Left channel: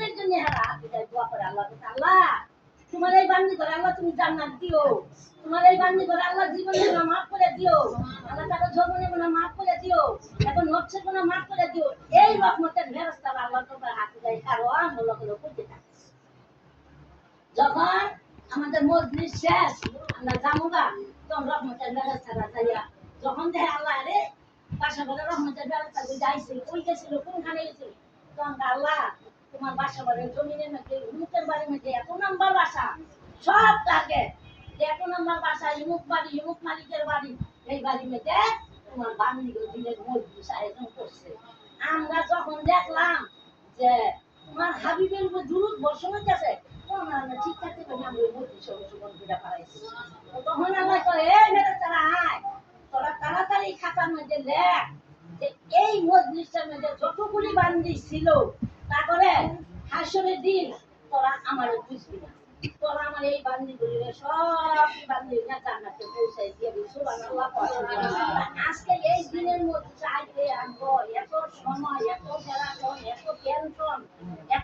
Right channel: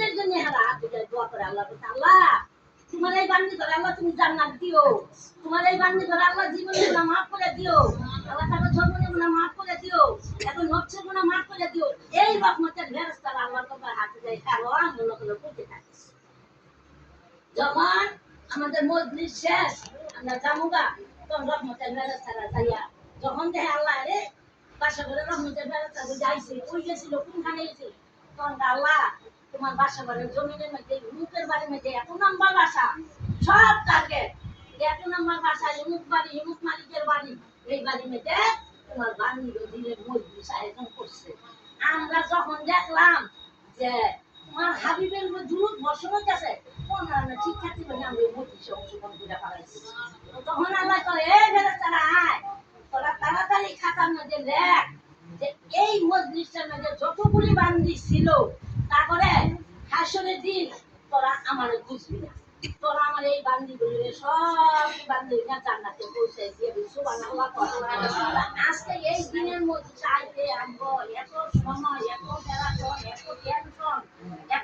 আমাদের জন্য হারা হাতে যায় দোয়া করে আল্লাহ কাছে, আল্লাহ তোমার এই বান্দি করে আল্লাহ তুমি জান্নাত দিও, তোমার এই বান্দি করে আল্লাহ জীবনের গুনাহ মাফ করে দিও, আল্লাহ তাকে জীবনের গুনাহ মাফ করে দিও, এখন নফসের গুনাহ মাফ করে দিও। এই রহমতের ফেরেশতা আল্লাহর কাছে হাতে যায়, কারণ হলো হলো করতে থাকে। যখন আমাদের মজলিস শেষ আমরা জামুগা, তখন রহমতের ফেরেশতারা যাইয়া যখন দেখে আল্লাহ রে বাসা ঘরে রহমতের ফেরেশতা যাইছে, কই গেছিল, কোনখানে গেছে, তখন আল্লাহ তোমার বাসা ঘরের জমিনের মধ্যে মুখের বাড়ির মধ্যে এত নাম্বার বাসা, সব টার্গেট এত নাম্বার বাসা, ইমুক বাড়ি, ইমুক মালিকের বাড়ি, এই বাড়ির মধ্যে তোমার বান্দির দিনের মজলিস আয়োজন করছে। আমরা যখন দেখলাম যে তোমার হাবিবের উপর দুরূদ বর্ষণ হচ্ছে, আমরা ঠিক থাকতে পারি, আমরা এই মজলিসে অংশগ্রহণ করে পালাইছি। তখন আল্লাহ কয়, এ ফেরেশতারা আয়, তোরা তাড়াতাড়ি খাতার মধ্যে লেখ যে এই মজলিসের মধ্যে যতগুলি বান্দি ছিল, তারপরে হাসরের দিন তোরা আমারে বুঝবি না, তোরা আমার এই বান্দিগুলির সব বান্দিরা জান্নাতে পৌঁছাই দিয়ে সুবহানাল্লাহ। আজকে এই দিনের মধ্যে চাইতে আমগো